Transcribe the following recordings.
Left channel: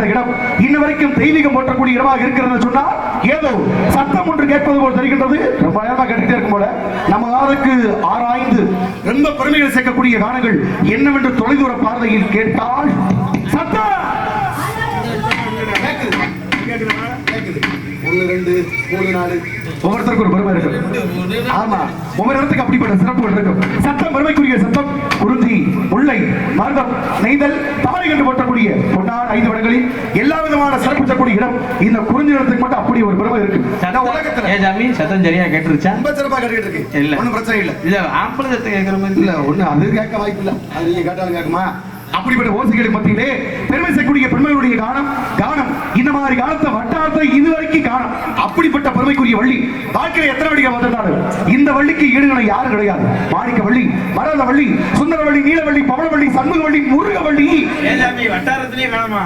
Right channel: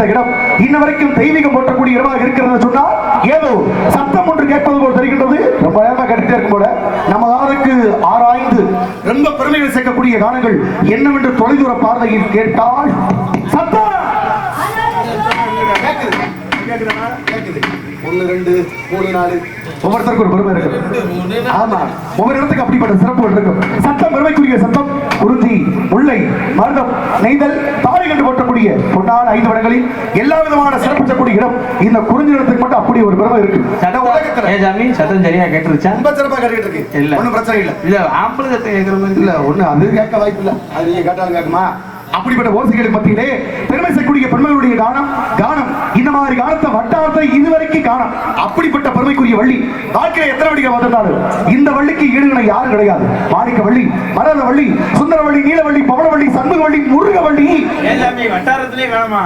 இந்த இடம் இன்ன வரைக்கும் தெய்வீகம் போற்றக்கூடிய இடமாக இருக்கிறது சொன்னா ஏதோ சத்தம் ஒன்று கேட்பது போல் தெரிகின்றது. ரொம்ப நேரமா கேட்டுட்டே இருக்கும் போல நம்ம காலத்துக்கு ஆராய்ந்து ரொம்ப பெருமைகள் சேர்க்கக்கூடிய காரணங்கள் என்னவென்று தொலைதூர பார்வையில் கேட்டால் சத்தம் கேக்குது. 1 2 3 4 ஒவ்வொருத்தருக்கும் ஒரு பெருமை இருக்கும். ஆமா, ஒவ்வொரு இடத்துக்கு அப்படிப்பட்ட சிறப்புகள் இருக்கும். சத்தம் பெருமைக்குரிய சத்தம். குறிஞ்சி, முல்லை, மருதம், நெய்தல், தாரை கண்டு போற்றக்கூடிய பொன்னான 5 இடங்களில் எல்லா விதமான சிறப்பிக்கக்கூடிய இடம் இந்த குறிஞ்சி இடத்துக்கு மட்டும் அப்படி ஒரு பெருமை இருக்கு. சத்தம் சரியா கேட்டுருச்சா? ரொம்ப சிறப்பா கேட்டுட்டு இருக்கு. இல்ல ஒன்னும் பிரச்சனை இல்ல. இல்ல ஆம்பளை சத்தம் கேட்கிற மாதிரி இல்ல ஒண்ணு அது கேட்க வாய்ப்பு இல்ல. அது நீங்க கேட்டாலும் கேட்குமா? அப்படிப்பட்ட ஓசைகளுக்கு மத்தியிலே பெருமை செய்யக்கூடிய பெருமைகளுடைய கானம் இந்த மாதிரி காலத்தை வட்டாரத்தை இதுவரைக்கும் காணும். அப்படிப்பட்ட பெருமைக்குரிய வள்ளி வாழ்க்கையில எத்தனை வள்ளிகள் வந்தாலும் இந்த வள்ளிக்கு ஈடுகளை யாரும் கிடையாது. மாணிக்க வள்ளி, மரத வள்ளி, சுந்தர வள்ளி, நீலவள்ளி, பவளவள்ளி, சண்முக வள்ளி, முருக வள்ளி வட்டாரத்திலே காணமா.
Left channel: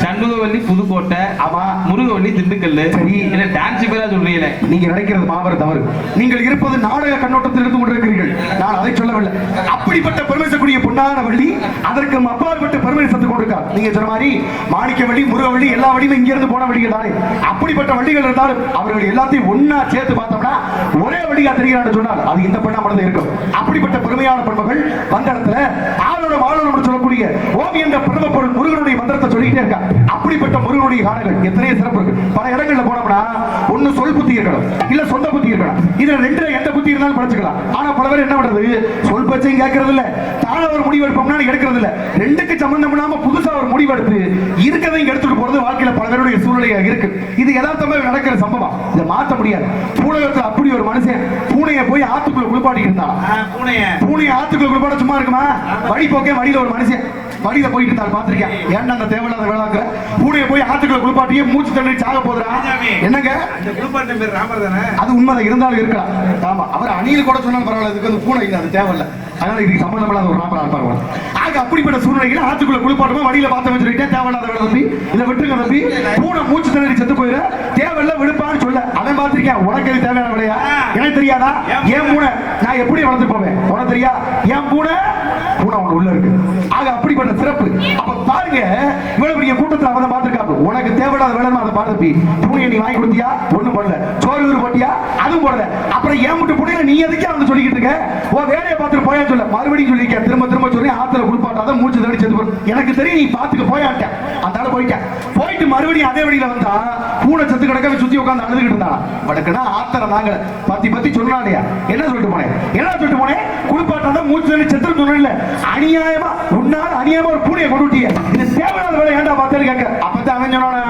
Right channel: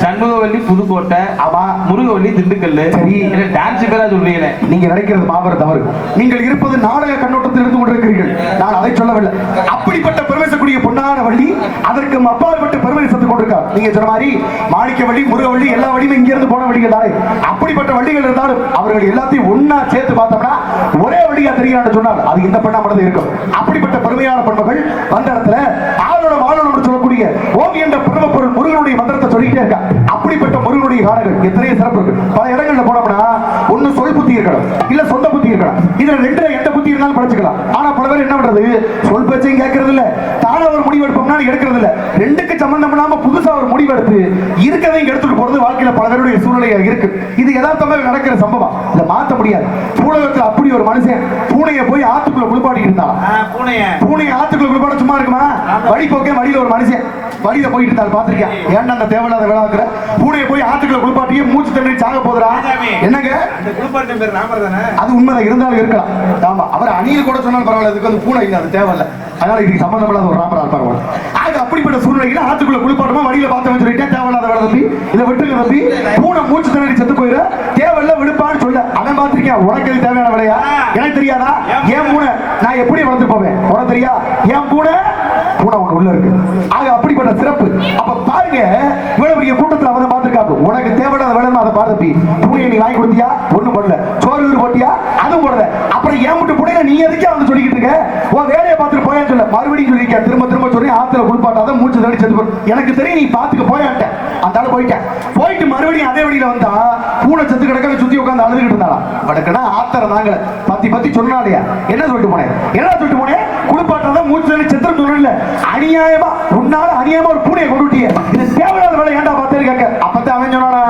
சண்முகவல்லி புதுக்கோட்டை, ஆமா, முருகவல்லி திண்டுக்கல். சரி, டான்ஸ் பேரா சொல்றீங்க. நீங்க நினைக்கிறது மாபெரும் தவறு. நீங்கள் இருப்பது நாடக கண்ணோட்டத்தில் இருந்து கொண்டிருக்கிறீர்கள். நான் அதை சொல்லவில்லை. அப்படிப்பட்ட பெருமை செய்யக்கூடிய பொன்னான வள்ளி அதற்கு அப்பாற்பட்ட பெருமை சேர்த்துக் கொண்டிருக்கார். நீங்க சொன்ன மாதிரி மாணிக்க வள்ளி, முருகவள்ளி எல்லா வழியும் இங்க இருந்து போன வழிகள் தானே. அப்படிப்பட்ட வள்ளிகள் இருந்தாலும் அவர்கள் எல்லாத்தையும் ஒன்னா சேர்த்து பார்த்தோம்னா ஒரே வழியா தெரியாது சொன்னால் அது இந்த பெண்ணா மட்டும் இருக்கும். அப்படிப்பட்ட பெருமையான பெண்மகள் வந்த இடத்துல ஆளோட வாழணும் சொல்லக்கூடிய ஓம் என்ற பெருமை பொருள் முருகனுடைய மந்திரத்தை சொல்லிக்கிட்டே இருக்கா. அப்படிப்பட்ட முருகனுடைய காலங்கள் எத்தனையோ சிறப்பு இருக்கு. பல இடங்கள்ல போனோம்னா ஒண்ணு சொல் புத்தி இருக்கணும், இல்ல சொந்த புத்தி இருக்கணும். இதுல ரெண்டு எந்த புத்தி இருந்தாலும் படிச்சுக்கலாம். ஆனா பல பேர் என்ன பண்றது, சொல் பேச்சையும் கேட்கறது இல்ல, தாழ ஒரு முடிவு எடுப்போம்னா எடுக்கிறது இல்ல. ரெண்டுக்கு சம்பந்தம் இல்லாம புதுசா ஒரு முடிவு எடுத்து இருக்கதையும் எடுத்துட்டு போறது வாழ்க்கையில பல பேருடைய சூழ்நிலை இருக்கு. இது யதார்த்தமாக நடக்கிற சம்பவம். இதை மாற்ற முடியாது. பூலகத்துல அப்படி ஒரு மனுஷன் பூனையை போய் ஆத்துக்குள்ள குளிப்பாட்டிட்டு இருந்தா, பூனையை ஆத்துக்குள்ள குளிப்பாட்ட சும்மா இருக்குமா? வழி போக்கே வழியில ஒரு மனுஷன் வழியில போயிட்டு இருந்தாலும் பாத்திருக்கேன். ஏன்டா அந்த தேவையில்லாத வேளாக்குற பூனையை போய் ஆத்துக்குள்ள குளிப்பாட்டியே மூச்சு தண்ணி சாக போதுரா? என்னங்க அது உண்மைதான் இருந்தாலும் இருக்கலாம். ஆமா, அவர் அணியில் கூட சொன்னாலும் பரவாயில்ல, இதுக்கு வந்து பூனை அது தேவையில்ல, அதனால இதுக்கு சம்பந்தம் இல்லாத ஒரு ராமரா இருப்பாங்க. ஆக அப்படிப்பட்ட சூழ்நிலையில ஆத்துக்குள்ள குளிப்பாட்டமா வழியில பார்த்து சொல்லிட்டேன் தேவையில்லாத வேலை தம்பி, இதை விட்டுங்க தம்பி, பூனை மூச்சு தண்ணி செத்து போயிரு, தேவையில்ல விடுப்பான்னு சொல்ல. அவன் பார்த்திருக்கேன். உனக்கு இது தேவையான வேலையா? எனக்கு தெரியாதா? ஏன் பூனை நான் எப்படி வளர்ந்து போவேன் உனக்கு தெரியா? ஏன் பூனை ஒண்ணு உள்ள இருக்கு. ஆக அப்படிப்பட்ட சிறப்பு. அப்ப பாருங்க, இவ்வளவு பெரிய கூட்டத்தில் அவன் பார்த்திருக்காங்க. உனக்கு தேவையான வேலை அதை பார்த்து பூனையை நீ வாங்கி கொடுத்தியா? ஒண்ணும் பண்ணல. சோறு போட்டியா? அதுவும் போடல. அப்புறம் ஏன் விட்டு பூனையை நீ எதுக்கே அவன் சொல்லிக்கிட்டு இருக்க? உன் வேலையை பார்த்துட்டு போயான்னு சொல்ல. மறுபடியும் சொல்லிருக்க, திரும்ப சொல்லி ஆத்துல குளிப்பாட்டாத மூச்சு தண்ணி செத்து போற. எனக்கு தெரியும் நீ பாத்துக்க போயாட்ட. அந்த போயிட்டேன். போயிட்டு மறுபடியும் அதே வழியில வந்தா பூனை செத்து கிடக்க சுத்தி உட்காந்து அழுதுகிட்டு இருந்தா. வடக்குனா ஆத்திரம் தாங்க பத்தி சொன்னாலையா? என்ன சொல்லிட்டு போனேன்? என்ன சொல்லிட்டு போனேன்? குளிப்பாட்டாத மூச்சு தண்ணி செத்து சொல்லல. அநியாயமா உன்னால அநியாயமா ஒரு பூனையை கொண்டு விட்டிய. இது தேவையான வேலை ஏன்டா பார்த்தேன்னு கேட்க. அப்பதான் அவன் சொன்னானா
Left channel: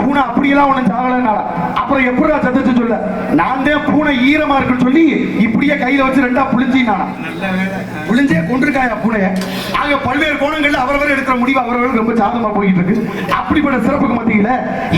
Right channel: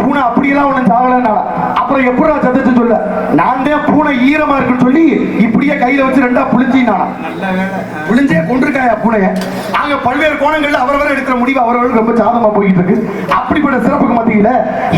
பூனை அப்படியெல்லாம் ஒண்ணு சாவலன்னா. அப்புறம் எப்படா சத்தச்சு சொல்ல, நான் தான் பூனை ஈரமா இருக்குன்னு சொல்லி இப்படியே கையில வச்சு ரெண்டா புளிஞ்சினானா. புளிஞ்சே கொண்டிருக்காயா பூனைய. ஆக பல்வேறு கோணங்கள்ல அவரவர் எடுக்கிற முடிவு அவரவர்களுக்கு ரொம்ப சாதமா போயிட்டு இருக்கு. அப்படிப்பட்ட சிறப்புக்கு மத்தியில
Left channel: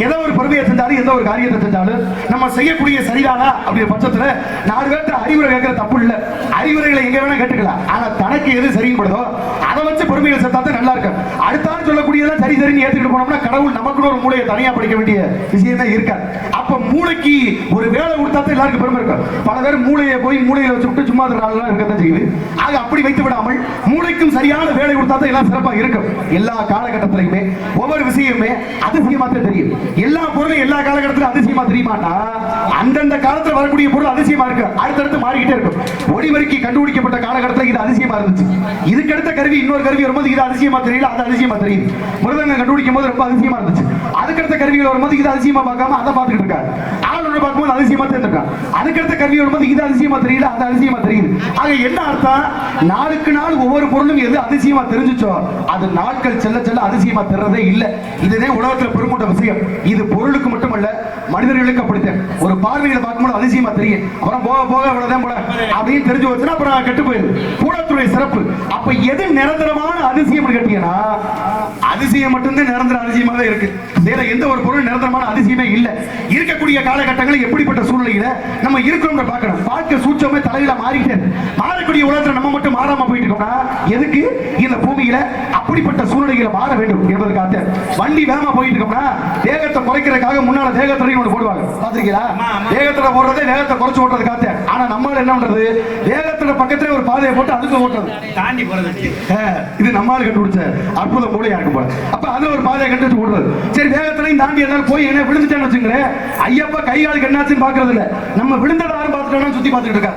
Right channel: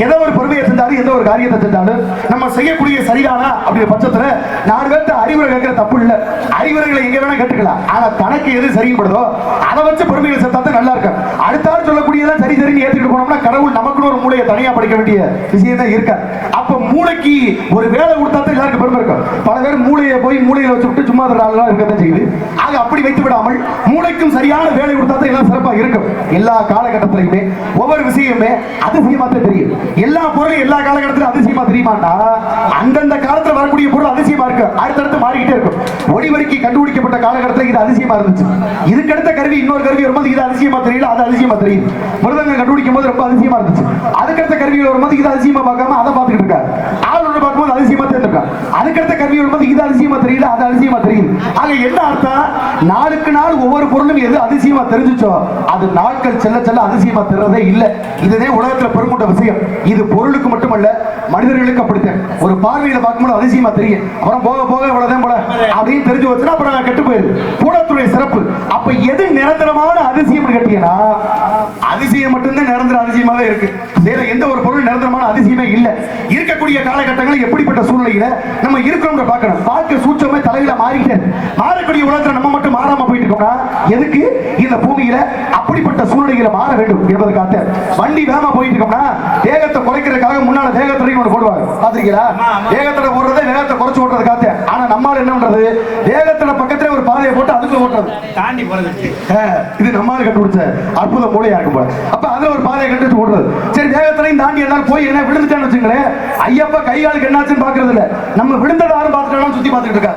ஏதோ ஒரு பொறுமையை செஞ்சாலும் எந்த ஒரு காரியத்தை செஞ்சாலும் நம்ம செய்யக்கூடிய சரிதானா அப்படிங்கிற பட்சத்துல 4 பேர்த்த அறிவுரை கேட்கிற தப்பு இல்ல. அறிவுரைகளை எங்க வேணா கேட்டுக்கலாம். ஆனா தனக்கு எது சரிப்படுதோ அதை வச்சு பொறுமையை சேர்த்தாதான் நல்லா இருக்கும். அடுத்தாலும் சொல்லக்கூடியதான் சரி சரின்னு ஏத்துக்கிட்டு போனோம்னா கடவுள் நமக்குன்னு ஒரு மூளையை தனியா படிக்க வேண்டிய விஷயமே இருக்காது. அப்ப மூளைக்கு ஒரு வேலை கொடுத்தா தான் எல்லாருக்கும் பெருமை இருக்கும். பல பேர் மூளையை போய் மூளையில வச்சு விட்டு சும்மா இருக்கத்தான் செய்யுது. ஆக அப்படி வைத்து விடாமல் மூளைக்கும் சரியான வேலை கொடுத்தா தான் எல்லாம் சிறப்பா இருக்கும். எல்லா காலகட்டத்திலுமே ஒவ்வொரு விஷயமே அதிசயமா தெரியும். எல்லா பொருளும் எல்லா காலகட்டத்திலும் அதிசயமா தெரியுமாட்டா அந்தந்த காலத்துல வரக்கூடிய பொருள் அதிசயமா இருக்கு. அடுத்தடுத்து மாறிக்கிட்டே இருக்கும். ஒளிவரிக்கு கண்டுபிடிக்கப்பட்ட காலகட்டத்தில் இது அதிசயமா இருந்துச்சு. இதுக்கடுத்த கருவி இன்னொரு கருவி வரும்போது இது அதிசயமா தெரியல, அது அதிசயமா தெரியுது. மிருதங்கம் கண்டுபிடிக்கும் போது ரொம்ப அதிசயமா இருந்துச்சு. அதுக்கடுத்த கருவிகள் வரும்போது இது அதிசயமா பார்க்காம அதை பார்த்துக்கிட்டு இருக்காரு. ஆளுநர் பார்க்கும்போது அதிசயமா தெரிஞ்சிருக்காரு. அதுக்கடுத்த கருவி வரும்போது இது அதிசயமா தெரியல, அது அதிசயமா தெரியுது. ஆக என்ன அர்த்தம்? நாளுக்கு நாள் ஒவ்வொரு பொருளும் எது அதிசயமா தெரிஞ்சுச்சோ அது நாட்கள் செல்ல செல்ல அதிசயமா தெரிறதே இல்லை. இதுதான் உலகத்துல பெருமூட்ட விஷயம். இது பொருளுக்கு மட்டுமல்ல மனிதர்களுக்கு அப்படித்தான். ஒரு பார்வையில பார்க்கும்போது அதிசயமா தெரியும். அப்புறம் போக போக அவ்வளவுதான் போல அப்படின்னு தெரிஞ்சு வச்சுன்னா அப்புறம் கெட்டு போயிடுது. பூடத்துடைய சிறப்பு. அப்ப எது நிரந்தரமான அதிசயம் கேட்டீங்கன்னா அதிசயம் மட்டும்தான் நிரந்தர அதிசயமாவே இருக்கு. எந்த ஒரு பொருள் நிரந்தரமான அதிசயமே இல்லை. இருக்கக்கூடிய காலகட்டங்களில் எப்படிப்பட்ட சூழ்நிலையில நம்ம இருக்கிறோம் பார்க்கணும். பார்க்க சூட்சமே தலையில மாறிக்கிட்டே மாறக்கூடிய உலகத்துல நம்ம மட்டும் மாறாம போயிட்டு இருக்கோம்னா எதுக்கு? இந்த பூமியில அப்படிப்பட்ட சூழ்நிலைகளை மாற வேண்டும் என்பதற்காக. வண்டி வேகமா போயிட்டு இருக்கோம்னா வேகத்தை குறைக்கிறதுக்காக முன்னால வேகத்தடை ஒன்று போடுவாங்க பாத்திருக்கீங்களா? வேகத்தடை போடுறதே வேகத்தை குறைச்சு ஓட்டுறது காத்து. ஆனா நம்மால என்ன பண்றது, வேகத்தடை பக்கத்துல ஒரு பாதையை போட்டு அதுக்கு ஓட்டுறது தாண்டி போறது. இது நம்மால கண்டுபிடிச்ச அற்புத மூளையா இருக்கு போல. அப்ப அதுல ஒரு பாதையை கண்டுபிடிச்சு ஓடுறது. சரி, வேகத்தடையும் தாண்டி எல்லாம் போய் என்ன விழுந்துட்டான்னு வச்சுங்களேன், ஐயப்பா கை காலுக்கு என்னாச்சுன்னு பாக்குறது இல்ல, நம்ம விழுந்ததை யாரும் பார்த்துட்டோம் சுத்தி பார்த்துட்டு இருக்கா.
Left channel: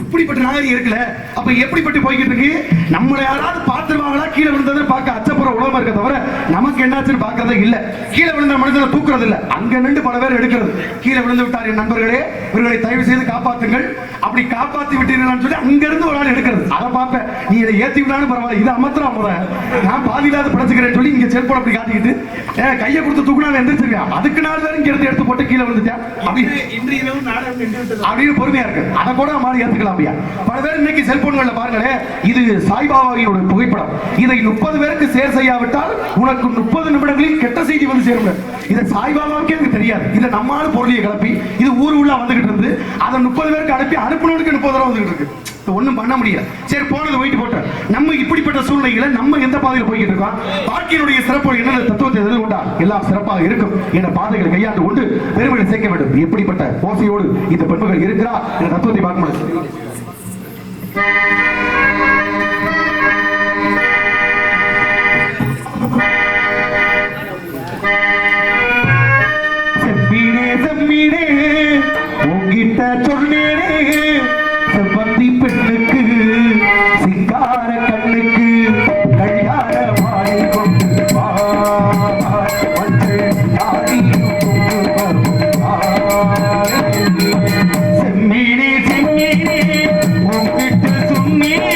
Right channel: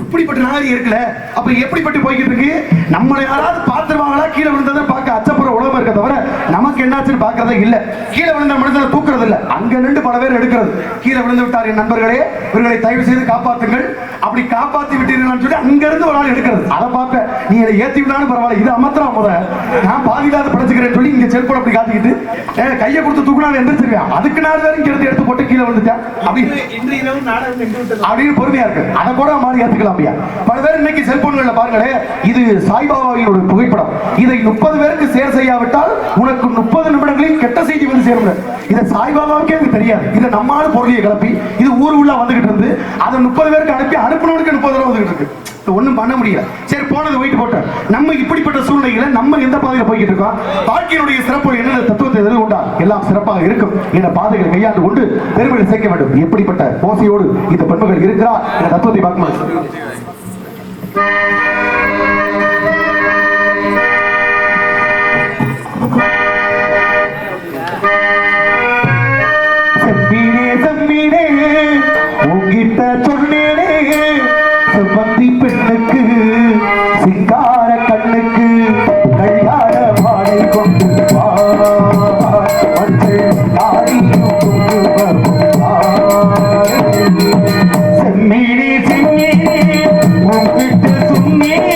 இப்படிப்பட்ட நாகரிகம் இருக்குல்ல. அப்ப எப்படிப்பட்டு போய்கிட்டு இருக்கு, நம்மளை யாராவது பார்த்துருவாங்களா கீழே விழுந்ததை பார்க்க அச்சப்புற உலகம் இருக்க தவிர நமக்கு என்னாச்சுன்னு பார்க்கறதே இல்ல. கீழே விழுந்த மனிதனை தூக்குறது இல்ல, அங்க நின்று பல பேர் எடுக்கிறது. கீழே விழுந்து விட்டார் என் நண்பர்களே, இவர்களை தயவு செய்து காப்பாத்துங்கள், அப்படி காப்பாத்தி விட்டீர்கள்னு சொல்லி அங்க இருந்து ஒரு ஆள் எடுக்கிறது. அதை பார்ப்பேன், நீ இதை ஏத்தி விட்டாலும் பரவாயில்ல, இது அமர்த்தலாம் முத, நான் பாதியில்லாத படைச்சுக்கிறேன்னு சொல்லி இங்க செல்போன் அப்படி காட்டிக்கிட்டு கையை கொடுத்து தூக்குனாலும் எந்திரிச்சிருவேன். அதுக்கு 4 பேரும் இங்க எடுத்து போட்டு கீழே விழுந்துட்டேன் அப்படின்னு பொறுமையா இருக்கு. அதை கூட மாதிரி ஏத்துக்கலாம். பல பேர் இன்னைக்கு செல்போன்கள்ல பாருங்களேன், இது சாய்பாபாவினுடைய புகைப்படம், இதை 30 பேருக்கு ஷேர் செய்யாவிட்டால் உனக்கு 30 நிமிடங்களில் கெட்ட செய்தி வந்து சேரும். இதை சாய்பாபாவுக்கே எனக்கு தெரியாது. இதை நம்மால பொருளியை கிளப்பி இது ஊர் உள்ள வந்துகிட்டு இருந்து அதை 30 பேருக்கு அனுப்பி அனுப்பினவனுக்கு 30 தடவை வந்துகிட்டு இருக்கு. ஒண்ணும் பண்ண முடியல. சரி, போனது போயிட்டு போட்டோம். நம்ம இப்படிப்பட்ட சூழ்நிலைகளை நம்ம எந்த பாதையில போய்கிட்டு இருக்கோம், வாழ்க்கையினுடைய சிறப்பு என்ன தத்துவத்தை எதிர்த்து கொண்டா எல்லாம் சிறப்பாக இருக்கும் என்ற பாதைகளை கையாண்டு கொண்டு பெருமையை சேர்க்க வேண்டும். எப்படிப்பட்ட ஓசையோடு இந்த பெண்மகள் இருக்கிறார் என்ற தத்துவத்தை பார்க்கும்போது செம்மீனே உங்கிட்ட சொன்னேனே, செவ்வந்தி பெண்ணுக்கு சிங்கார கண்ணுக்கு கல்யாண மாலை கொண்டு வா, வந்து ஆடியும் கொண்டு வா. செம்மீனே செம்மீனே உங்கிட்ட சொன்னேனே,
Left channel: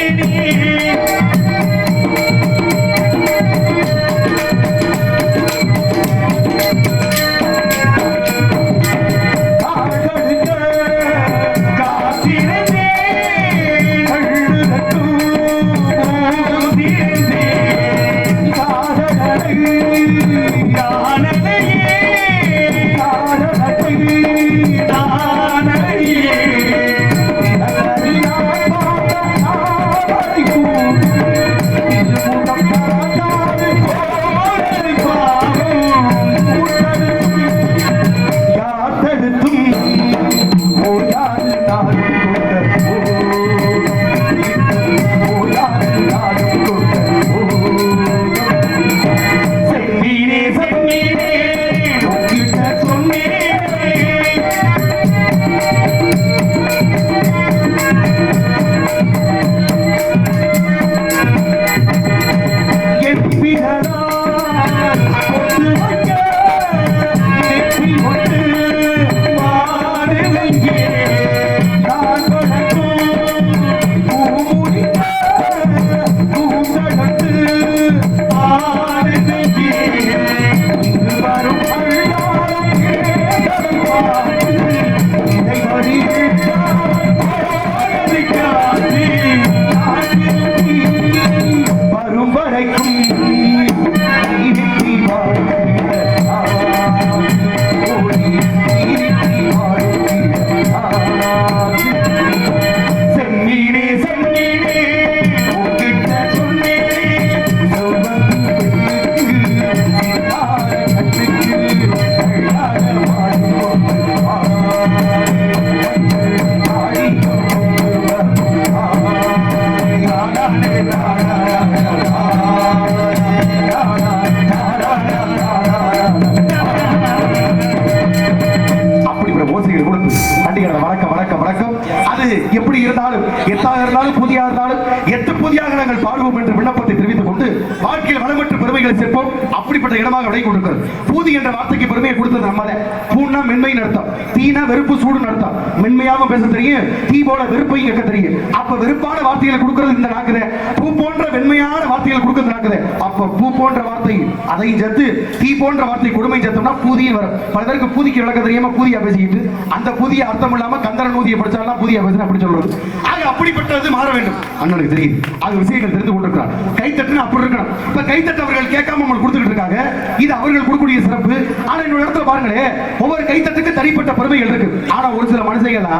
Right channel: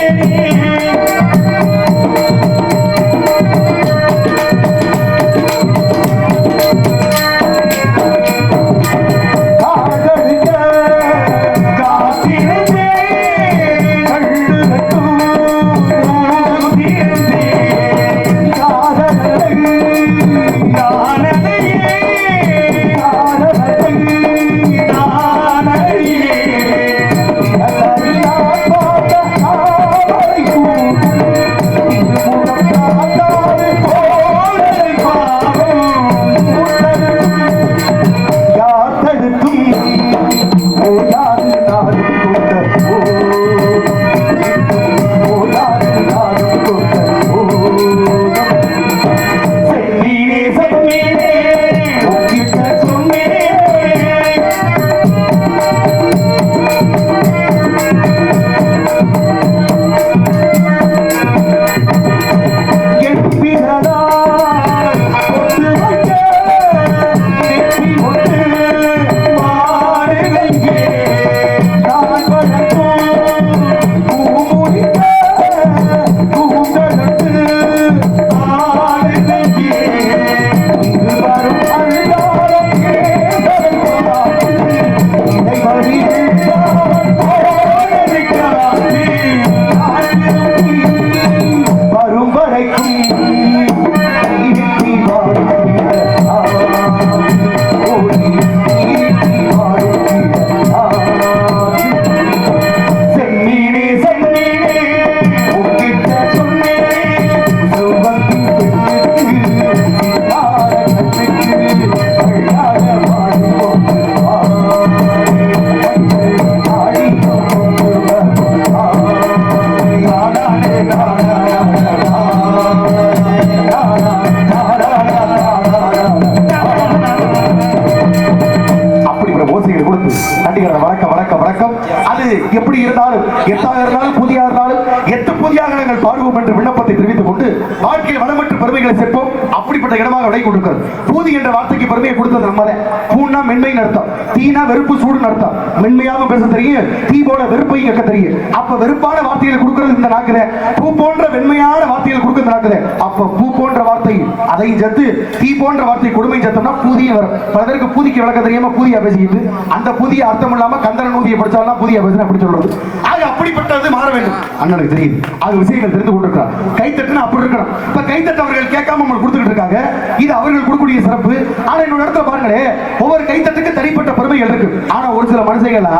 எப்படி இருந்தாலும் எத்தாக இருந்தாலும் புதியா இருந்தாலும் எட்டு புதியாக நாங்கள் பாடுவோம் என்று விண்ணப்பத்தை தெரிவித்துக் கொண்டு வாழ்க்கையில் வளமற்ற பெருமைகளை சேர்ப்போம். அப்படிப்பட்ட இடமாக விடை கொடுக்கிறது. பூதி என்ற வார்த்தைக்கு பெருமையை கொடுத்தது நம்ம. பூன்னா மென்மைன்னு அர்த்தம், தீனா வெறுப்பு சூடுன்னு அர்த்தம். மென்மையாக பேச தெரியும், தீ போல வெறுப்பையும் கேட்க தெரியும். அப்ப வெறுப்பான வார்த்தைகளை கொடுக்கிறது இந்த நாக்குல, பூ போன்ற வெண்மையான வார்த்தைகள் கொடுக்கிறது நாக்குல. அப்ப பூ போன்ற வார்த்தை அதையும் சேர்த்து தீ போன்ற வார்த்தை கொடுமை சேர்த்தோம்னா பூதியும் வரும். பல பேருக்கு பூதிக்கு விளக்க தெரியாம பூதியா பேசிக்கிட்டு அந்த பூதிய அர்த்தம் இல்லாம கந்தரன் ஊதியை படிச்சாலும் பூதியா பேசுறேன் அப்படி சொல்றது. ஆக அப்படிப்பட்டது மாற வேண்டும். அண்ணனுக்கு தெரியுது. ஆக விஷயங்கள் தெரிந்து கொண்டிருக்கிறார். கைத்தட்டுனா அப்படி இருக்கணும். இப்ப கைத்தட்ட அவர்கள் கேட்காம நம்ம கொடுத்துட்டு இருக்காங்க. இது அவர்கள் கொடுக்கக்கூடிய சிறப்பு. ஆனா இன்னொரு இடத்துல பாருங்களேன், ஒவ்வொரு கைத்தட்டுக்கு தனிப்பட்ட பெருமைகள் இருக்கு. ஆனா ஒரு சில மனுஷங்களா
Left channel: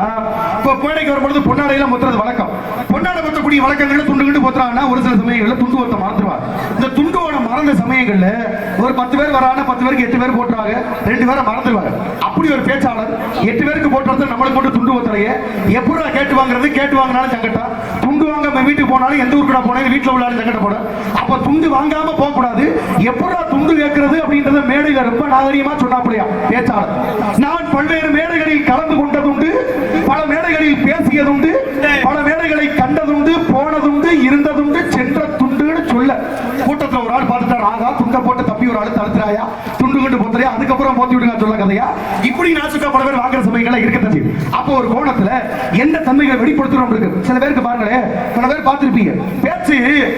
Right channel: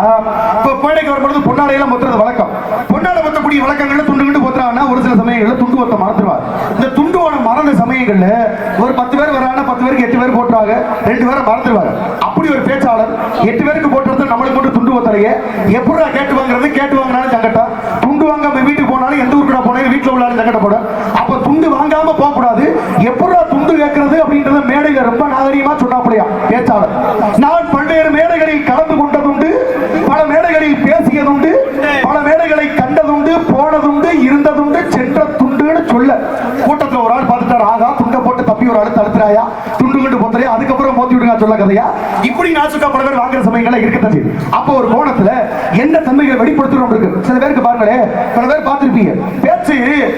இப்ப பேடைக்கு வரும்பொழுது பொன்னாடையெல்லாம் முத்துறது வழக்கம். பொன்னாடை முத்தக்கூடிய வழக்கங்கள்ல துண்டு கிண்டு போத்துறாங்கன்னா ஒரு சில சமயங்கள்ல துண்டு ஒத்த மறந்துடுவார். இந்த துண்டுவோட மறந்த சமயங்கள்ல ஒரு 10 பேர் வரான 10 பேருக்கு 8 பேர் போட்டுறாங்க, 2 பேரை மறந்துடுவாங்க. அப்படி ஒரு பேச்சாளர் 8 பேருக்கு போட்டுறது நம்மளுக்கு மட்டும் துண்டு ஒத்தலையே எப்படா கேட்டு வாங்குறது, கேட்டு வாங்கினாலும் சங்கட்டம், துண்டு வாங்காம வீட்டுக்கு போனாலும் எந்த ஊருக்கு போனாலும் வீட்டுல உள்ளாலும் சங்கடப்படும். அப்ப துண்டு வாங்காம போக கூடாது, எப்படா துண்டு கேட்கறது அப்படின்றத மேடையில ரொம்ப நாகரிகமா சொன்னாப்படியா பேச்சாளர். நான் பல்வேறு மேடைகளில் கலந்து கொண்டதுண்டு, பல மேடைகளில் பேசியதுண்டு, பல மேடைகளை கண்டதுண்டு, போனதுண்டு, இருந்ததுண்டு, சென்ற துண்டுன்னு சொல்ல கூட்டத்தில் ஒரு ஆள் பார்த்துட்டார், ஆகா துண்ட போட்டு தப்பி ஒரு ஆள் தடுத்துறாயா, துண்டு கண்டு போத்துறையா, அதுக்கப்புறம் போத்தி விடுங்க சொல்ல கதையா. இப்படி நாசுக்கா பல பேர் வாங்குற சமயங்கள இருக்கத்தான் செய்யுது. அப்போ ஒரு கோணத்துல எந்த தன்மைகளை வெளிப்படுத்துறோம் இருக்கு. சில பேருக்கு பாருங்களேன், பல பேர் பார்த்திருப்பீங்க பேச்சு,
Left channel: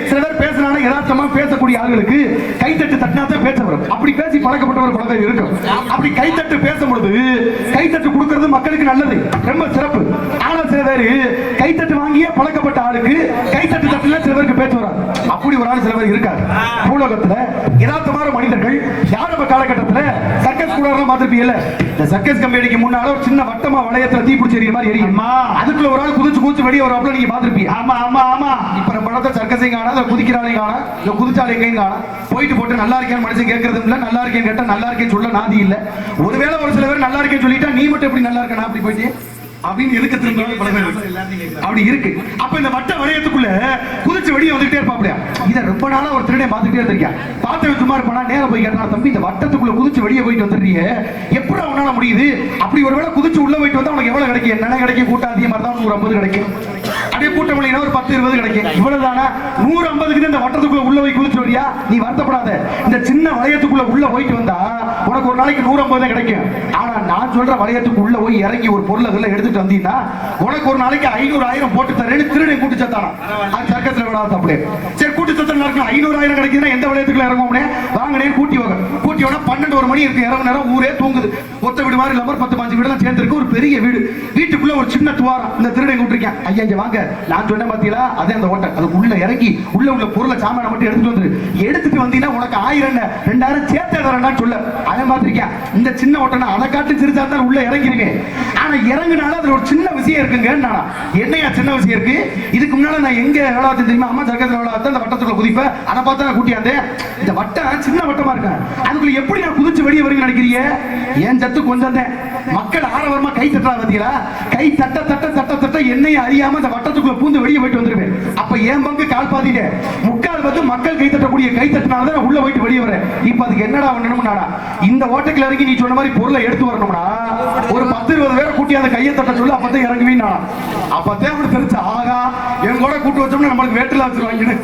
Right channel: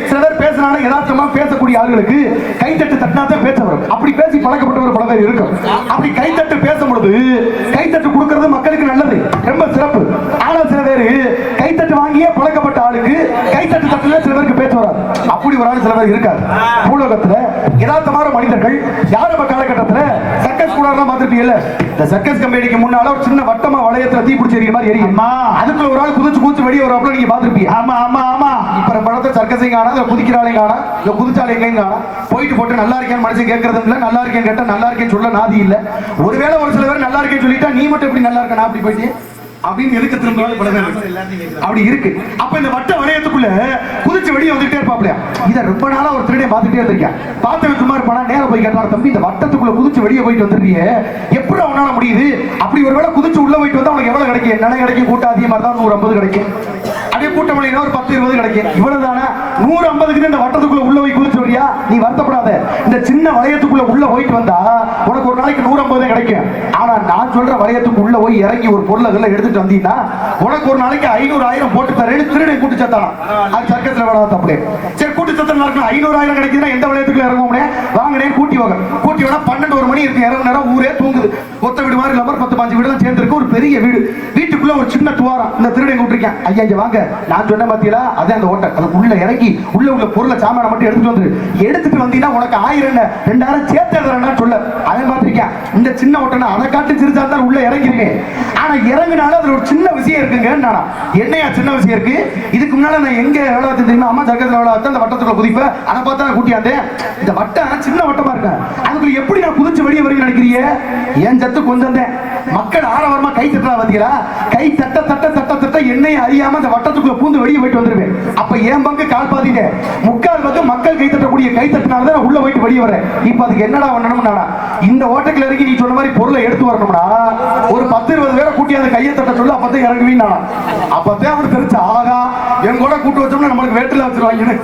சில பேர் பேசினாலும் யதார்த்தமா பேசக்கூடிய ஆளுகளுக்கு கைத்தட்டு தட்டினாதான் பேச வரும். அப்படி பேசி பழக்கப்பட்டவர் பல பேர் இருக்கும். அப்படி கைத்தட்டு பேசும்பொழுது கைத்தட்டு கொடுக்கிறது மக்களுக்கு நல்லது, ரொம்ப சிறப்பு. ஆனா சில பேர் கைத்தட்டு வாங்கியே பழக்கப்பட்ட ஆளுக்கு கைத்தட்டு தட்டுல சில பேருக்கு பேச வராது. அப்படி ஒரு ஆள் சில பேர் இருக்காரு பூலோகத்துல. யதார்த்தமான மனிதர்கள் யார் நம்ம காலகட்டத்துல சர்க்கஸ் கூட பார்த்திருப்பீங்கல்ல, இந்த சர்க்கஸ் கம்பெனிக்கு முன்னால ஒரு சின்ன வட்டமா வளையத்துல தீ பிடிச்சி எறிய மாதிரி எரியும். அதுக்குள்ள ஒரு ஆள் குதிச்சு குதிச்சு வெளியே வர நீங்க பார்த்திருப்பீங்க. ஆமா ஆமா ஆமா. இப்ப படத்தை சர்க்கஸையும் காணா, குதிக்கிறாளையும் காணா, குதிச்சாலை எங்கேயும் காணா. போயிட்டு போட்டு நல்லா இருக்கேன்னு மனுஷன் கேட்கறது இல்ல, நல்லா இருக்கேன்னு கேட்டா நல்லா இருக்கேன்னு சொல்ல நாதி இல்ல. ஒருவேளை ஒரு சில பேர் நல்லா இருக்கேன்னு சொல்லிட்டா நீ மட்டும் எப்படி நல்லா இருக்க, நான் அப்படி போயிட்டு அப்படின்னு எதுக்க திரும்ப அப்படி இருக்கு. அப்ப இந்த வட்ட வளையத்துக்குள்ள குதிச்சு வெளியே வந்துட்டே இருப்பாப்லையா. இதை ரொம்ப நாளா ஒரு திருடைய பார்த்துட்டே இருந்திருக்கேன். பார்த்து சும்மா இருப்பானா, நேரம் போய் கேட்டாலும் தம்பி இந்த வட்டத்துக்குள்ள குதிச்சு வெளியே போயிட்டு வந்துருக்கீங்க, எப்படி அவனால முடியுது? அப்படி ஒருவேளை குதிச்சு உள்ள போயிட்டு வந்தா உனக்கு எவ்வளவு கிடைக்கும்? என்ன கிடைக்கும்? கூட்டம் அதிகமா தான் 150 கிடைக்கும். அப்படியே கூட்டம் இல்லைன்னா ஒரு 10-20 கிடைக்கும். இவ்வளவுதானா? 150க்கு இந்த வட்டத்துக்குள்ள உள்ள போய் குதிச்சு வரியா, நீ வருத்தப்படாத. இந்த சின்ன வளையத்துக்குள்ள உள்ள போயிட்டு வந்தா உனக்கு ஒரு நாளைக்கு 150 கிடைக்கும். ஆனா நான் சொல்ற வளையத்துக்கு உள்ள போய் இறங்கி ஒரு பொருளை எடுத்துட்டு வந்தீங்கன்னா உனக்கு ஒரு நாளைக்கு 500,000 போட்டு தரேன்னு திருடை கூட்டு சத்தானா. அது சர்க்கஸ்ல விடாத தப்பு. சரி கூட்டு சத்தம் நடக்கும், 500,000 கிடைக்குதுன்னா எந்த வளையத்துக்குள்ள இறங்குவோம்னே வாங்கினே கூட்டி வாங்க. கூட்டி வேணா 12-1 மணி இருக்கு, இறங்கு நேரம் ஊரே தூங்குது. ஒத்த வீடு மாதிரி இல்லாம 10-15 வீடு சேர்ந்து இருக்கு, ஒரு பெரிய வீடு. வீட்டுக்குள்ள ஒரு சின்ன துவாரம், இந்த திருடை கூட்டிருக்கேன். ஐயா இங்க வாங்க, நான் சொன்ன பாத்தீங்களா அதே அந்த ஓட்டை, அதுக்குள்ள இறங்கி உள்ள பொருளை சாமான மட்டும் எடுத்துட்டு வந்து எடுத்துட்டு வந்தீங்கன்னா உனக்கு 1000 2000 சேர்த்து தரேன்னு சொல்ல. அவன் பார்த்திருக்கேன் இந்த சின்ன ஓட்டை அதை காட்டு சிரிச்சா தான் உள்ள இறங்கிருவேன். ஆனா இறங்குனால அதுல ஒரு சின்ன விஷயம் இருக்குங்க. என்னையா சின்ன விஷயம் இருக்கு? இதுக்கு முன்னால நான் எங்க வேளாத்து தெரியுமா, அம்மா சர்க்கஸ்ல வேளாத்து அந்த வட்டத்துக்குள்ள குதிப்பேன். அதை பார்த்தா நான் கூட்டியாந்தேன். இந்த வட்டம் சின்ன வட்டமா இருக்கேன், அதுக்குள்ள எப்படி நான் குதிச்சு வெளியே வருங்க நினைக்கிறீங்க? ஏன் சத்து கொஞ்சம் மக்கள் ஆரவாரமா கை தட்டா வந்தீங்களா? கை தட்ட தட்ட தட்ட தட்ட என்னைய அறியாம அந்த வட்டத்துக்குள்ள பூந்து வெளியே போயிட்டு வந்துருவேன். அப்ப ஏன் பங்கு கால் பாதிங்க, முக்கால் வந்து மக்கள் கை தட்டக்கூடிய கை தட்டினால்தான் உள்ள போயிட்டு வெளியே வரேன். இப்ப அதுக்கு என்னடா பண்ணணும்னா, இந்த ஓட்டைக்குள்ள இறங்கி நீ சொன்ன மாதிரி பொருளை எடுத்து வரணும்னா ஒரு 10-20 பேரை கூட்டி அந்த கையை தட்ட சொல்லு, அப்பதான் இறங்குவீங்க. அப்பதான் அவரு தெரிஞ்சு ஆகா என் கூட கூட்டு வச்சோம்னா நம்மளுக்கு வேட்டில வச்சிருவாங்கன்னு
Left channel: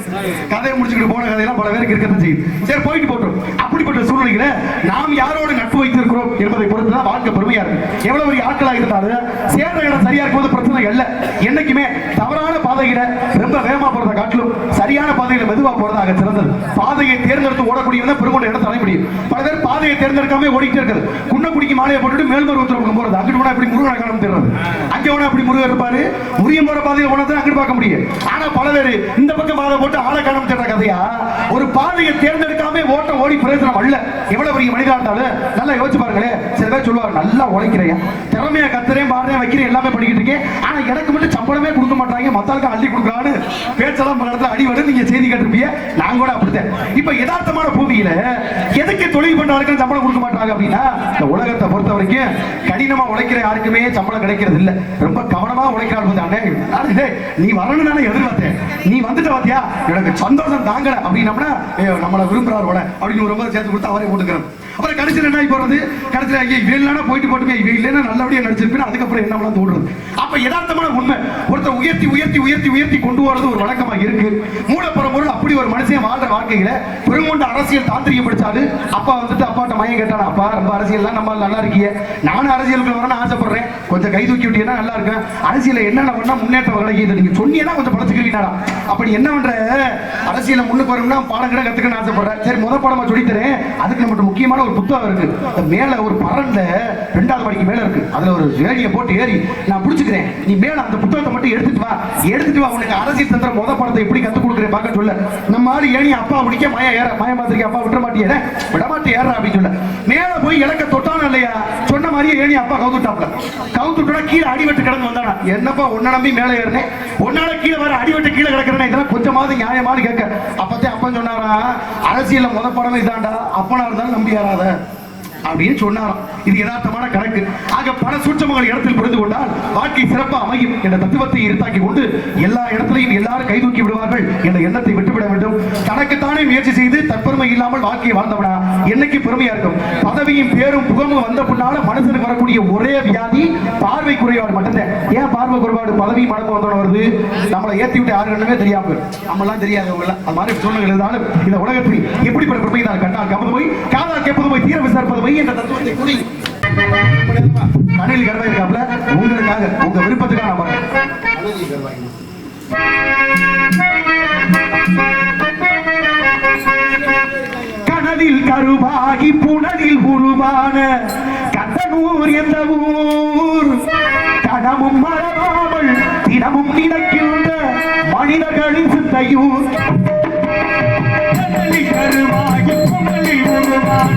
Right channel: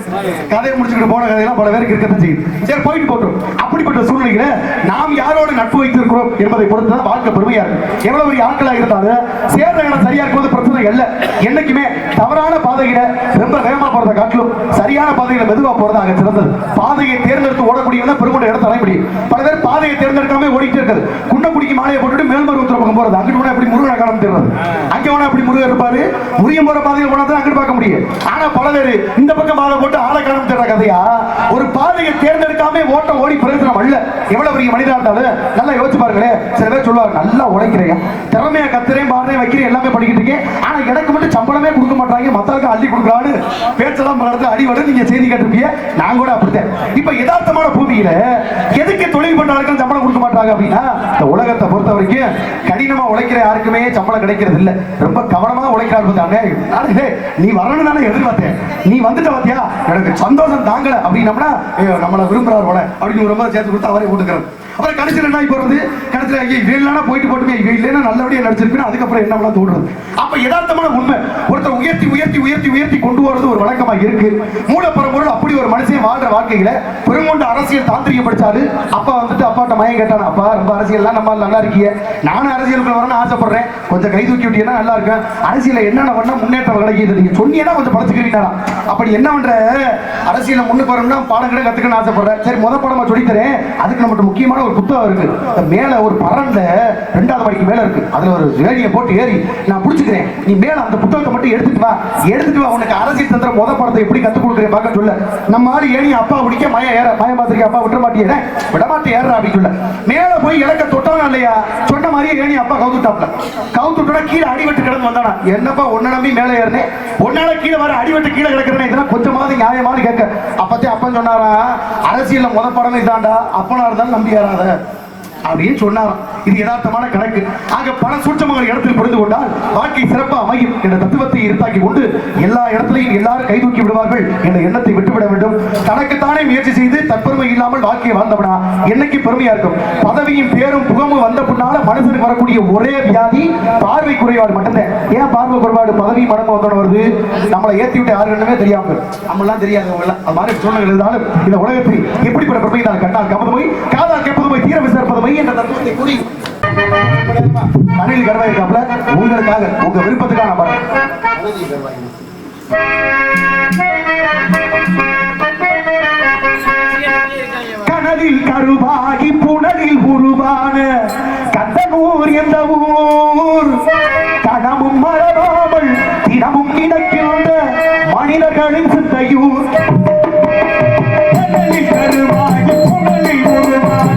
கதையை முடிச்சுக்கிட்டு போன கதையெல்லாம் பல பேருக்கு இருக்கத்தான் செய்யுது. சரி போயிட்டு போட்டோம். அப்படிப்பட்ட சூழ்நிலையில நாம் யாரோடு நட்பு வைத்திருக்கிறோம் என்பதை பொறுத்துதான் வாழ்க்கை பெருமையா இருக்கு. எவ்வளவு பெரிய ஆட்களா இருந்தாலும் சேர்ந்த இடம் சரியா இருக்கும்போது பிரச்சனை இல்லை. என்னைக்குமே தவறான பாதையில ரொம்ப வேகமா போறதை காட்டிலும் சரியான பாதையில மெதுவா போறதாக சிறந்தது. பாதையை தேர்ந்தெடுத்து ஓடக்கூடியவன் பெருமோட இடத்த அடைய முடியும். பல பேர் பாதையை தேர்ந்தெடுக்காம ஓடிட்டே இருக்காது. குன்னக்குடிக்கு மாலையை போட்டுட்டு மேல்மருவத்துல பக்கம் போறது, அங்கிட்டு போனா எப்படி முருகனை காலம் தெரியாது, அங்கே போனா எப்படி முருகன் இருப்பாரு, முருகன் போற பாதையில போனா தான் அங்கிட்டு பார்க்க முடியும். ஆனா பல பேர் இந்த பக்கம் பாதை போட்டு ஆளை காலம் தேடுற கதையா. ஒரு பாதையை தேர்ந்தெடுக்காம ஓட்ட ஓடி பிரயோஜனம் அல்ல. எவ்வளவு பெரிய மனிதா இருந்தாலும் நல்லா யோசிச்சு பாருங்களேன். சில பேர் சொல்லுவாங்க நல்லா உழைக்கிறேன், திறமையை கத்துறேன், பாடுறேன், வைக்கிறேன், எல்லாமே படிக்கிட்டு இருக்கேன், ஆனா எனக்கு மட்டும் சம்பளமே கொடுக்க மாட்டாங்க, மத்தாளுக்கு அள்ளி கொடுக்கலான்னு பேச்செல்லாம் பல இடத்துல அடிவடு நீங்க செய்தி கேட்டிருப்பீங்க. நான் கூட அப்படித்தான். இப்ப யதார்த்தமான பூமியில எதுக்கு தொழில் பண்றாருக்கும் சம்பளம் கொடுக்க மாட்டாங்க அப்படின்னா, இந்த உலகத்தை பொறுத்த வரைக்கும் கடினமா உழைக்கிற யாருக்குமே சம்பளம் கிடைக்கிறது இல்ல. ரொம்ப கவனமா உழைக்கிறாரு. நீ வரணும் தானே எதிர்பார்த்தேன், நீ வந்துட்ட பாத்தியா எனக்கு சந்தோஷம் தாங்கல அப்படின்னம்னா நம்மளை விரும்புறாரு அப்படின்னு ரொம்ப சேர்த்து கொடுத்து அவரே போட்டுக்கிறார். அப்புறம் கடைசியில் என்ன போறது, கடைசியில் ஐயா இவன் இல்லைன்னா போயிட்டு போட்டுமே, இவன் இல்லைன்னா நல்லபடியா நடிச்சிருப்பேன், அதுக்கப்புறம் என்ன பண்ணலாம் தோடுறது. அப்ப யதார்த்தமான உண்மை ஒருத்தர் உயர்த்தி உயர்த்தி உயர்த்தி உயர்த்தி கொண்டு வரது ஒரு வழக்கமா இருக்கு. மூலப்பரம்பொருள் அப்படி ஒரு மனுஷன் வாழ்ற வாழ்க்கையில பெருங்கொண்ட அரசியல் தாந்திரிகம் படிச்சாரு. அப்பா வந்துட்டு அப்பாட்ட மயம் கேட்டான், அப்பா ரொம்ப அரசியல்லாம் நம்ம நல்லா இருக்கீங்க, நானும் அரசியலுக்குள்ள வரணும்னு ஆசைப்படுறேன், கொஞ்சம் கை தூக்கி விட்டீங்கன்னா நல்லா இருக்கும், அரசியல என்னென்ன பண்ணா முன்னேற்றம் கிடைக்கிது, நீங்க சொன்னீங்கன்னா கொஞ்சம் பழச்சுக்கிறீங்களா, அப்படி என்ன பண்ற அரசியல முன்னுக்கு வரணும்னா பாடம் கிட்ட கத்துக்கணும்னு ஆசைப்படுறேன். சரி முத பாடமா சொல்லித்தரேன், அதுக்கு நம்மகிட்ட முக்கியமான ஒரு புத்தகம் இருக்கு. மேல ஒரு பரண்ட 2வது படிக்கு மேல இருக்கு. அதுல ஒரு ஏணியை போட்டு ஏறி நான் பிடிச்சுக்கிறேன். நீ மேல அந்த புத்தகத்தை மட்டும் எடுத்துட்டு வா. உனக்கு அரசியல் தந்திர முத படத்தை எப்படி கத்துக் கொடுக்குறேன் பார்க்க சொல்ல. நம்ம ஆளு ஏணி அப்பா பிடிக்க மயம் பார்த்திருக்கேன். அப்பா விட மாட்டேன் ஏற அப்படின்னு சொல்ல. மேல போய் இலக்க தொட்டானா இல்லையா, சொன்ன மாதிரியே ஏணி அப்பா கவுத்துட்டா கீழே அடிவெட்டு கிடந்து வந்தானா. என்னப்பா உன்ன நம்பி மேல ஏறினேன், உன்னால கீழே வர அடிவெட்டு கீழே கிடக்குறேன். இதெல்லாம் கொஞ்சமாவது நியாயமானு கேட்க அப்பத்தே அப்பா சொன்னாரா, அரசியல்ல முத படம் இதாண்டா, அப்பனா இருந்தாலும் நம்பி வராத அப்படின்னு சொன்னாராம். இது யதார்த்தமான கணக்கு. ஆக பல சூட்சமங்கள் இடத்தில் புரிந்து கொண்டால் வாழ்க்கை சிறப்பா அமையும் என்ற தத்துவத்தை இருத்தாக்கி கொண்டு எல்லா இடத்திலையும் எல்லாரும் கைதூக்கி விடுவார்கள் என்ற எண்ணத்தை விட்டுவிட வேண்டும். தனக்குத்தானே முயற்சி செய்து தற்பெருமை இல்லாமல் வாழ்க்கையை வாழ்ந்தவனா என்னைக்கு பெருமையா இருக்கும். பதவியும் பேரும் புகமும் வந்த பின்னால மனசுக்கு வரக்கூடிய ஒரே வியாதி பார்வை குறைபாடு மட்டும்தான். ஏன் பார்வை குறைபாடு பதவி மடங்கு வந்தோட வருது? நம்மளை ஏற்றி விட்டு யாருன்னு தெரியாம நம்மளாம் தெரியாதவங்க எல்லாம் அது மாதிரி சூழ்நிலை இருந்தாலும் இந்த உலகத்தில் எப்படிப்பட்ட பெருமை தான் கண்டால் கப்பது போய் காதால் கேட்பது போய் தீர விசாரிப்பது போய் என்ற தத்துவத்தை கூறி கணில் கருவாய் இருக்காப்ல உங்களுக்காக உங்க விருப்பத்துக்கான கனவில் கருவாகி புனலில் உருவான கந்தனூர் என்ற ஊர் கனமும் மறவாமல் தினமும் நினைக்கின்ற மனிதர்களின் சிந்தையூர். கருவாகி புனலில் உருவான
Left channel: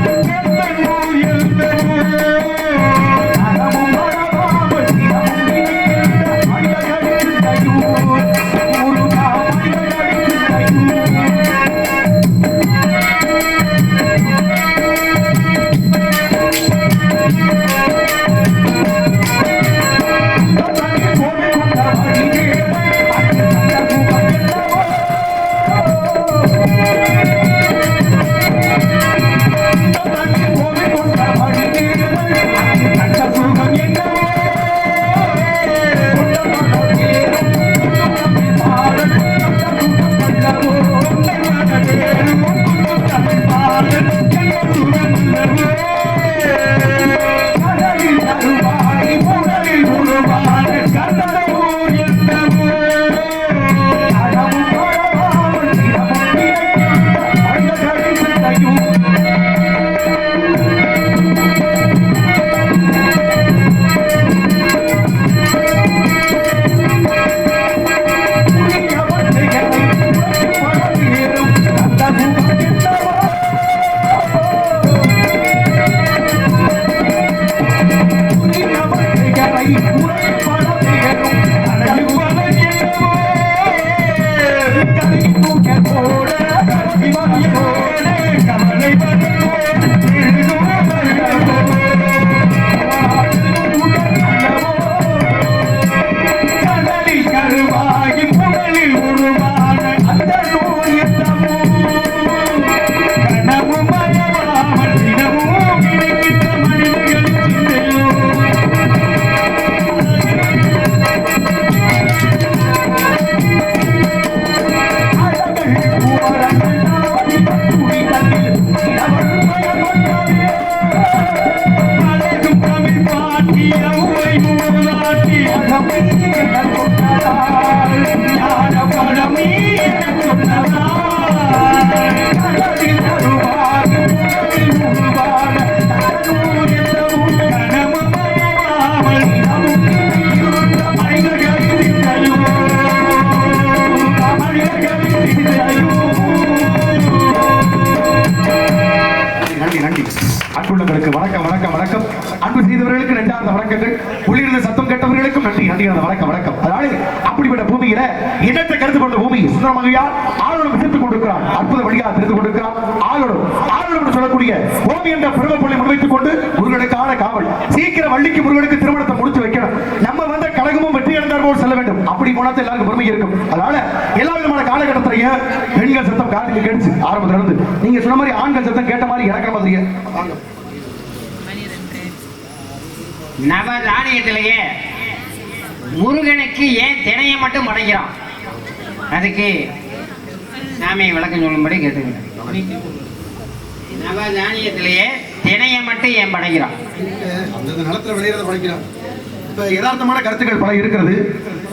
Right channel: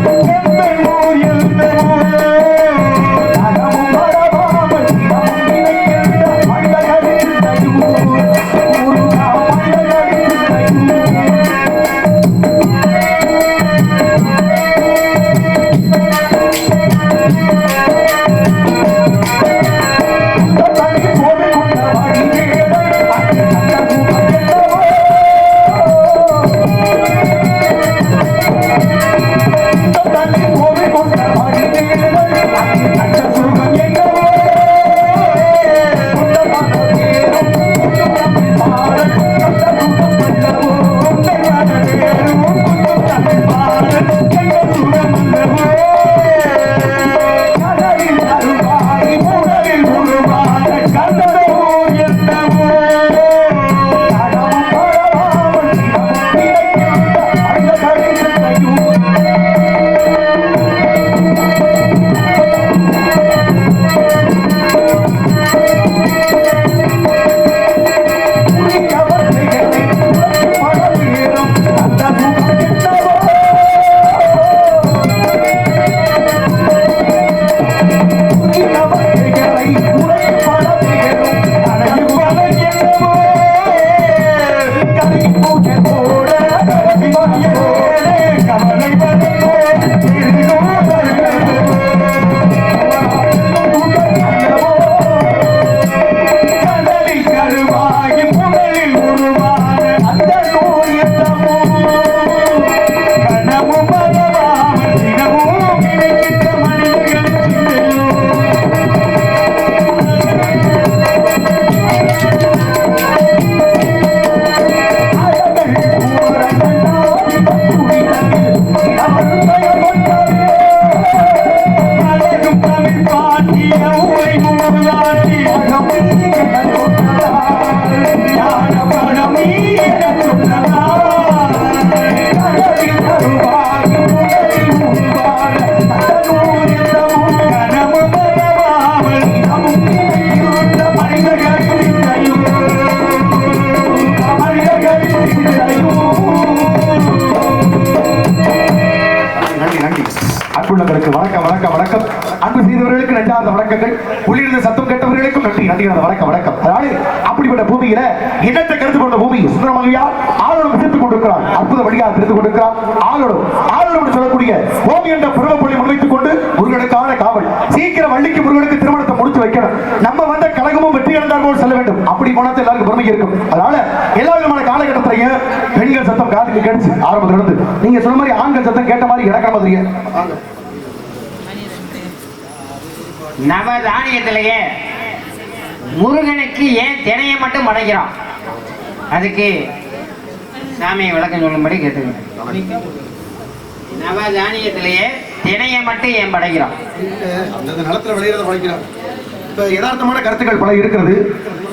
அன்புள்ளவர்களுக்கு வணக்கம் வணக்கம் வணக்கம். அன்பு செய்தவர்களுக்கு நன்றார்ந்த வணக்கங்கள். உள்ளிருந்த சத்தம் கேட்டவர்களுக்கும் நன்றி நன்றி வணக்கம் வணக்கம். அதாவது அப்படிப்பட்ட பூமியில இடத்தை கருத்து கொண்ட பூமி சுந்தரமங்கையா ஆளோடு சிரித்துக் கொண்டிருக்கிறார். அற்புத வழியாக சிரித்துக் கொண்டிருக்கிறார். ஆளோடு சொல்லக்கூடிய பூமி என்ற பருவப்பள்ளி முன்வைத்துக் கொண்டு முருகனுக்கான காவல். சீக்கிரம் வள்ளிக்கு முருகனுக்கு திருமணத்தை முடிச்சு வைக்கணும். நம்ம வந்த கழகமும் வெற்றி அடைந்தார் போல் செல்ல வேண்டும். அப்படி போனாத்த எல்லாருக்கும் பெருமை இருக்கும். அதனால எல்லா விதமான காலகட்டத்திலையும் பெண்கள் சத்தம் காதுக்கு கேட்டுச்சு ஆரம்பத்துல இருந்து. நீங்க சொன்ன மாதிரி ஆண்கள் சத்தம் கேட்ட மாதிரி இறக்கிற மாதிரி நவதானியத்திலேயே முருகனுக்கு ஏன் தினையை மட்டும் படைக்கிறான்? அதுக்கு சாமியை விளக்கம் சொல்லும்படி கேட்டுக்கிறேன். நவதானியத்திலேயே தினையை மட்டும் ஏன் படைக்கிறான்? அந்த நிலத்துல விளையிறத படைக்கிறான். இப்ப யதார்த்தமான கருத்துக்கள் பல இருக்கிறது.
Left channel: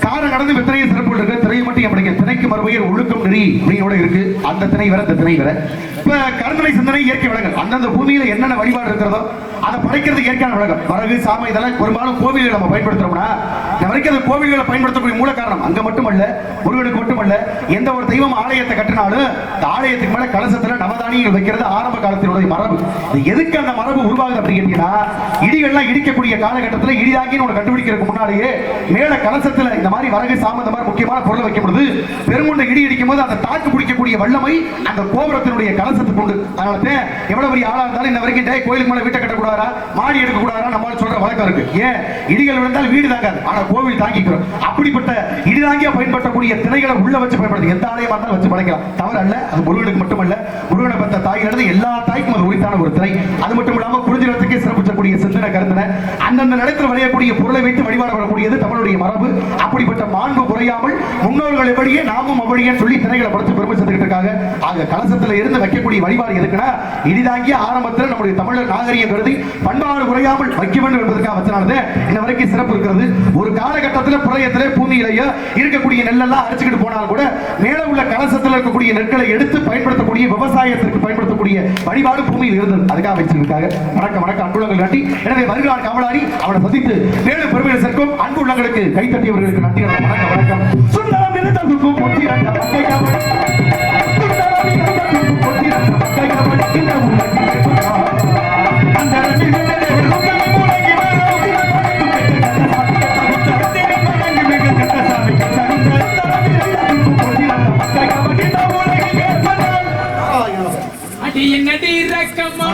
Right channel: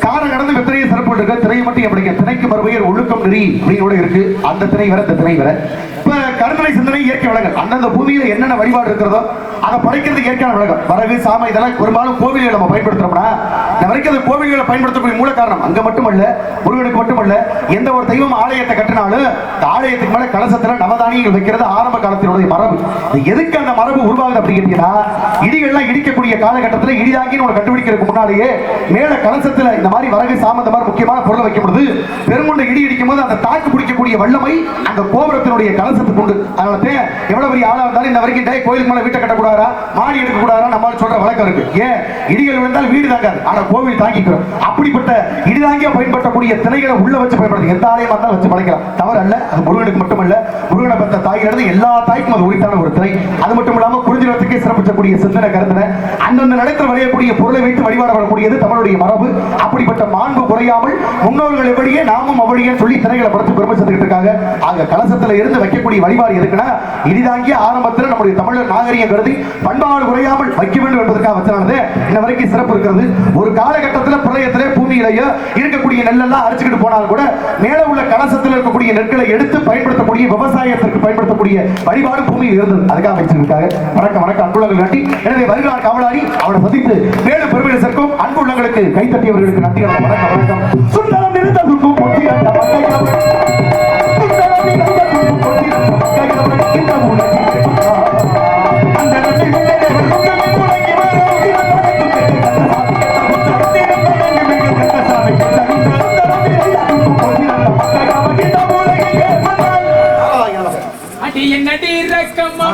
காலம் கடந்து எத்தனையோ சிறப்பு இருக்கு. திரையை மட்டும் எப்படிங்க திணைக்கு மறுபெயர் ஒழுக்கம் நெறி அப்படியோட இருக்கு. அந்த திணை வர இந்த திணை வர இப்ப கருணை சிந்தனை இயற்கை வளங்கள் அந்தந்த பூமியில என்னென்ன வழிபாடு இருக்கிறதோ அதை படைக்கிறது இயற்கையான வழக்கம். வரகு சாம இதெல்லாம் பெரும்பாலும் கோவில்களை நம்ம பயன்படுத்துறோம்னா இந்த வரைக்கும் அந்த கோவில்களை பயன்படுத்தக்கூடிய மூல காரணம் அங்க மட்டுமல்ல, முருகனுக்கு மட்டுமல்ல, எந்த ஒரு தெய்வம் ஆலயத்தை கட்டினாலும் இந்த ஆலயத்துக்கு மேல கலசத்துல நவதானியங்கள் வைக்கிறது ஆரம்ப காலத்தினுடைய மரபு. எதுக்கு அந்த மரபு உருவாகுது அப்படின்னு கேட்டீங்கன்னா, இடிகள்லாம் இடிக்கக்கூடிய காலகட்டத்தில் இடிதாங்கின்னு ஒரு கண்டுபிடிக்கிறதுக்கு முன்னாடியே மேல கலசத்துல இந்த மாதிரி வரகு சாம இந்த மாதிரி முக்கியமான பொருளை வைக்கும் பொழுது பெருங்குண்ட இடி இடிக்கும் போது அந்த தாக்கு பிடிக்கக்கூடிய வல்லமை அந்த கோபுரத்தினுடைய கலசத்துக்கு உண்டு. அதனால எவ்வளவு பெரிய ஆளா இருந்தாலும் இந்த வரைக்கும் கோயிலுக்கு மேல வீட்டை கட்டக்கூடாதா, மாடி எடுக்க கூடாதா நம்மால் சொல்ற வழக்கம் இருக்கு. ஏன் இடிகள் விழுந்தால் வீடு தாங்காது, ஆனா கோவில் தாங்கிக்கிறோம். அப்படிப்பட்ட இடிதாங்கிய பயன்படுத்தக்கூடிய திணைகளை உள்ள வச்சு பயன்படுத்தி எந்த ஆலயமா இருந்தாலும் வச்சு படைக்கலாம், தவறு அல்ல. அது முருகனுக்கு மட்டுமல்ல, முருகனை பத்த தாய்கிறது எல்லா தாய்க்கும் அது உரித்தான ஒரு திணை. அது மட்டும் இல்லாம குறிஞ்சிரத்துக்கே சிறப்பிக்கக்கூடிய சிந்தனை கருத்தின அந்தந்த நிலத்தில் விளையக்கூடிய பொருளை வைத்து வழிபாட வரக்கூடியது தமிழுடைய மரபு. அப்படிப்பட்ட மாண்பு குறையாமல் முன்னோர்கள் எப்படியே நாமும் அவளியே சொல்லி திணைகளை படுத்து பெருமை சேர்த்துக்கிட்டு இருக்காங்க. அங்க கலசத்துல இருந்து வைக்கக்கூடிய வழிபாடு எதுக்குன்னா, இடிதாங்கிய ஆரம்பத்தில் நம்முடைய தமிழர் நாகரிகம் கருதி பண்பாடு குறையாமல் வைக்க வேண்டும் என்பதற்காக வச்சனானது இன்ன வரைக்கும் சிறப்பு இருக்கிறது. ஒரு காலகட்டத்தில் பிரளயத்திலே பூமியிலேயே இருக்கக்கூடிய நெல்லெல்லாம் அரைச்சுக்கிட்டு போனாலும் கூட மேல உள்ள கலசத்தில் இருக்கக்கூடிய நெற்களை எடுத்து பயன்படுத்தக்கூடிய விவசாயத்திற்கு பயன்படுத்தக்கூடிய வழிபாடு பூமியில் இருந்தது. அதுக்காக வச்சிருக்காங்க. வணக்கம் வணக்கம் அன்புள்ளங்கள் நன்றி. எனவே வருகிறார் காவலாளி அவனை சந்தித்து மேலும் பெருமையை சேர்க்கும் அன்புள்ளங்களுக்கு கைத்தட்டியவர்களுக்கு நன்றி. வணக்கம் வணக்கம். சுந்தரம் இருந்த பொட்டி அந்த என்னடி ரக்கம்மா